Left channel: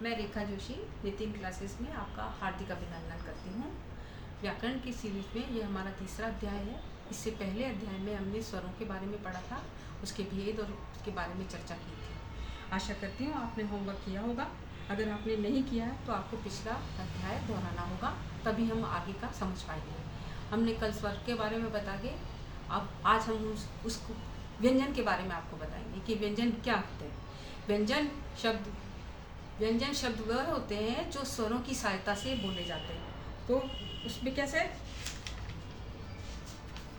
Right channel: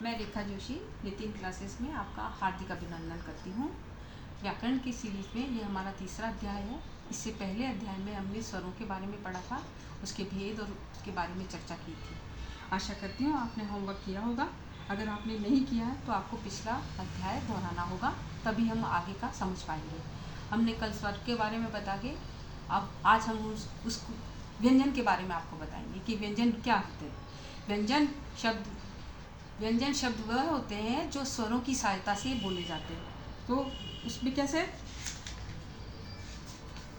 मैं रेखा जोशी नितिन क्लासेस में आपका हार्दिक अभिनंदन करती हूँ। व्याकरण की सीरीज में ये हमारा तीसरा अध्याय है। इससे पहले अध्याय में हमने स्वरों के बारे में पढ़ा था, उसके भेद और उसके बारे में चर्चा की थी। आशा करती हूँ आपने होमवर्क किया होगा। अगर आपने नहीं किया है तो आपको पिछला अध्याय दोहराना होगा, तभी हम आगे का समझ पाएंगे। हमने कल स्वर के बारे में बता के अब आज हम उस व्यंजन के बारे में आपको बताएंगे कि व्यंजन क्या होते हैं। व्यंजन शब्द वह होते हैं जो स्वरों की सहायता से बोले जाते हैं। तो उसमें कैसे,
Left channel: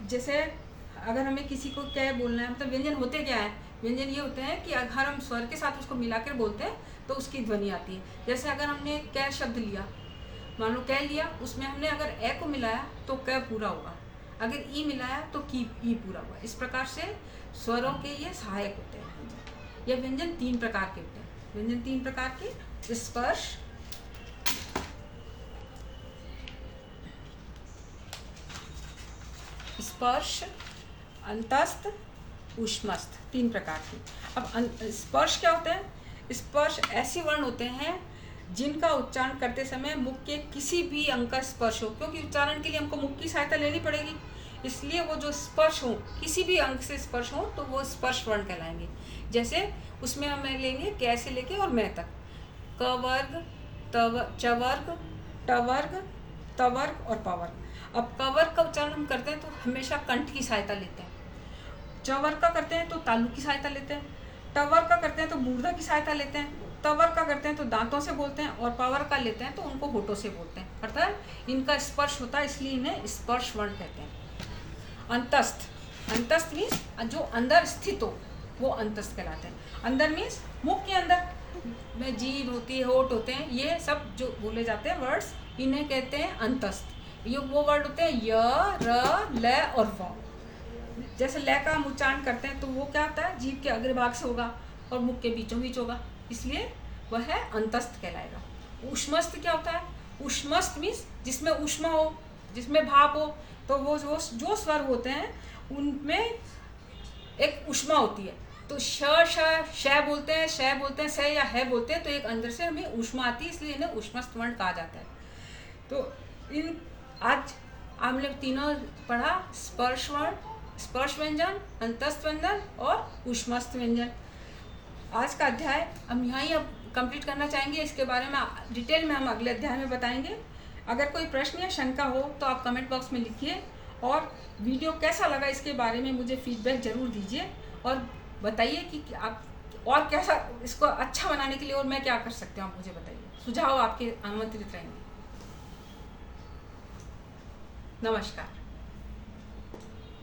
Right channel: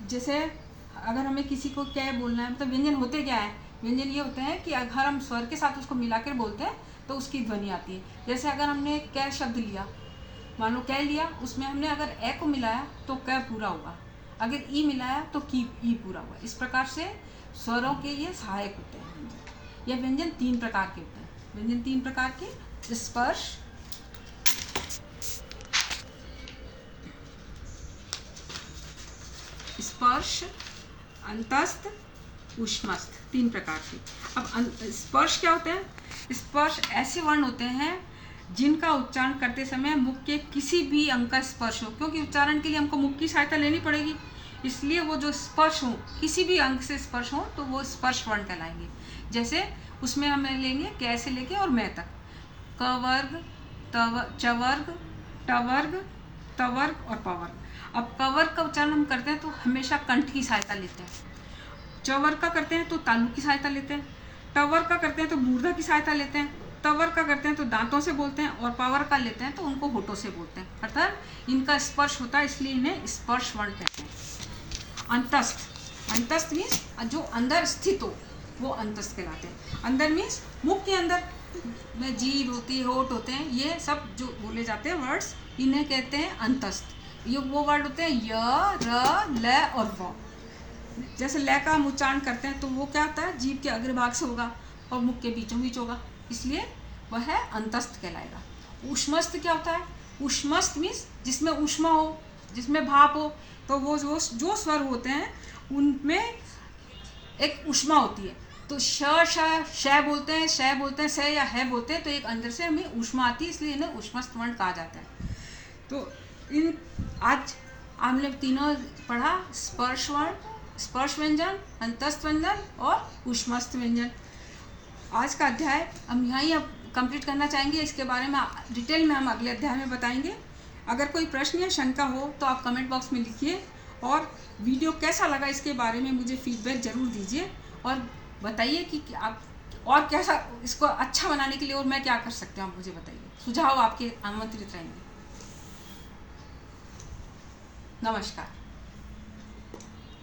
जैसे अगर हमें किसी को क्या बोलना है, मतलब व्यंजन होते क्या है। व्यंजन ये होते हैं कि अगर हम स्वर के साथ उसको मिलाकर बोलते हैं तो उसकी ध्वनि आती है। जैसे अगर हमने कै शब्द लिया, मान लो कै लिया, उसमें हमने अगर ए को मिलाया तो कै पूरा हुआ, अगर ई मिलाया तो की ई पूरा हुआ। इस प्रकार से स्वरों के ये सहायक होते हैं। यह व्यंजन 3 प्रकार के होते हैं। व्यंजन 3 प्रकार के: स्पर्श, अंतस्थ, ऊष्मस्थ, 3 प्रकार की। अब स्पर्श क्या होते हैं? स्पर्श ऐसे वर्ण होते हैं जिनका उच्चारण करते समय मुख के किसी भी अंग का स्पर्श हो, क्योंकि उच्चारण के लिए हमको मुख की सहायता लेनी पड़ेगी। इसलिए वो जो स्पर्श हो, किसी भी अंग से स्पर्श हो, तो वो स्पर्श वर्ण कहलाएंगे। जैसे उसमें हम लेंगे कै से लेके और मैं तक, क वर्ग, च वर्ग, ट वर्ग, त वर्ग और प वर्ग। अब क वर्ग का उच्चारण हम करते हैं तो हमेशा कंठ की सहायता लेते हैं। च वर्ग का करते हैं तो तालु की सहायता लेते हैं। ट वर्ग का करते हैं तो मूर्धा की सहायता लेते हैं। त वर्ग का करते हैं तो दांतों से बोलते हैं, और प वर्ग का लेते हैं तो उनको होठों से बोलते हैं। अर्थात इनका स्पर्श होता है, इसलिए इन्हें स्पर्श वर्ण कहते हैं। अंतस्थ मीन्स जो अंदर स्थित हो, वो अंतस्थ कहलाते हैं। अंदर मीन्स मुख के अंदर में जीभ होती है, होठ होते हैं, ये सब जो बोले जाते हैं वर्ड्स, इन्हें कहते हैं अंतस्थ। ये वो वर्ड होते हैं य, र, ल और व। जैसे ल का हम उच्चारण करते हैं तो वो क्या होता है, जीभ के अग्रभाग से होगा और मुख के बीचों बीच होगा, इसलिए वह है अंतस्थ कहलाएगा। ऊष्मस्थ क्या होता है? ऊष्मस्थ मीन्स जिसमें ऊष्मा हो, जिसमें भाप हो। तो वो जो स्वर होते हैं उनमें एक ऊष्मा होती है। तो श बोलते हैं, श बोलते हैं, स या है बोलते हैं, तो एक अंदर से हमें ऊष्मा आती है, इसलिए इन्हें ऊष्मस्थ वर्ण कहा जाता है। तो इन आज हमने तीनों पढ़ा: स्पर्श वर्ण, स्पर्श व्यंजन, अंतस्थ व्यंजन और ऊष्मस्थ व्यंजन। आज का अध्याय हम यहाँ ही अब कंप्लीट करना चाहेंगे। इसके बारे में डिटेल में हम अगले अध्याय में बताएंगे। अगर कोई प्रश्न या शंका हो तो आप कमेंट बॉक्स में लिखिए, और वीडियो कैसा लगा इसके बारे में मुझे फीडबैक ज़रूर दीजिए और बताइए कि आप और कैसा इसको अच्छा बनाने के लिए और मैं क्या कर सकती हूँ, आप मुझे बताइए। सुझाव आपके आमंत्रित रहेंगे। नमस्कार।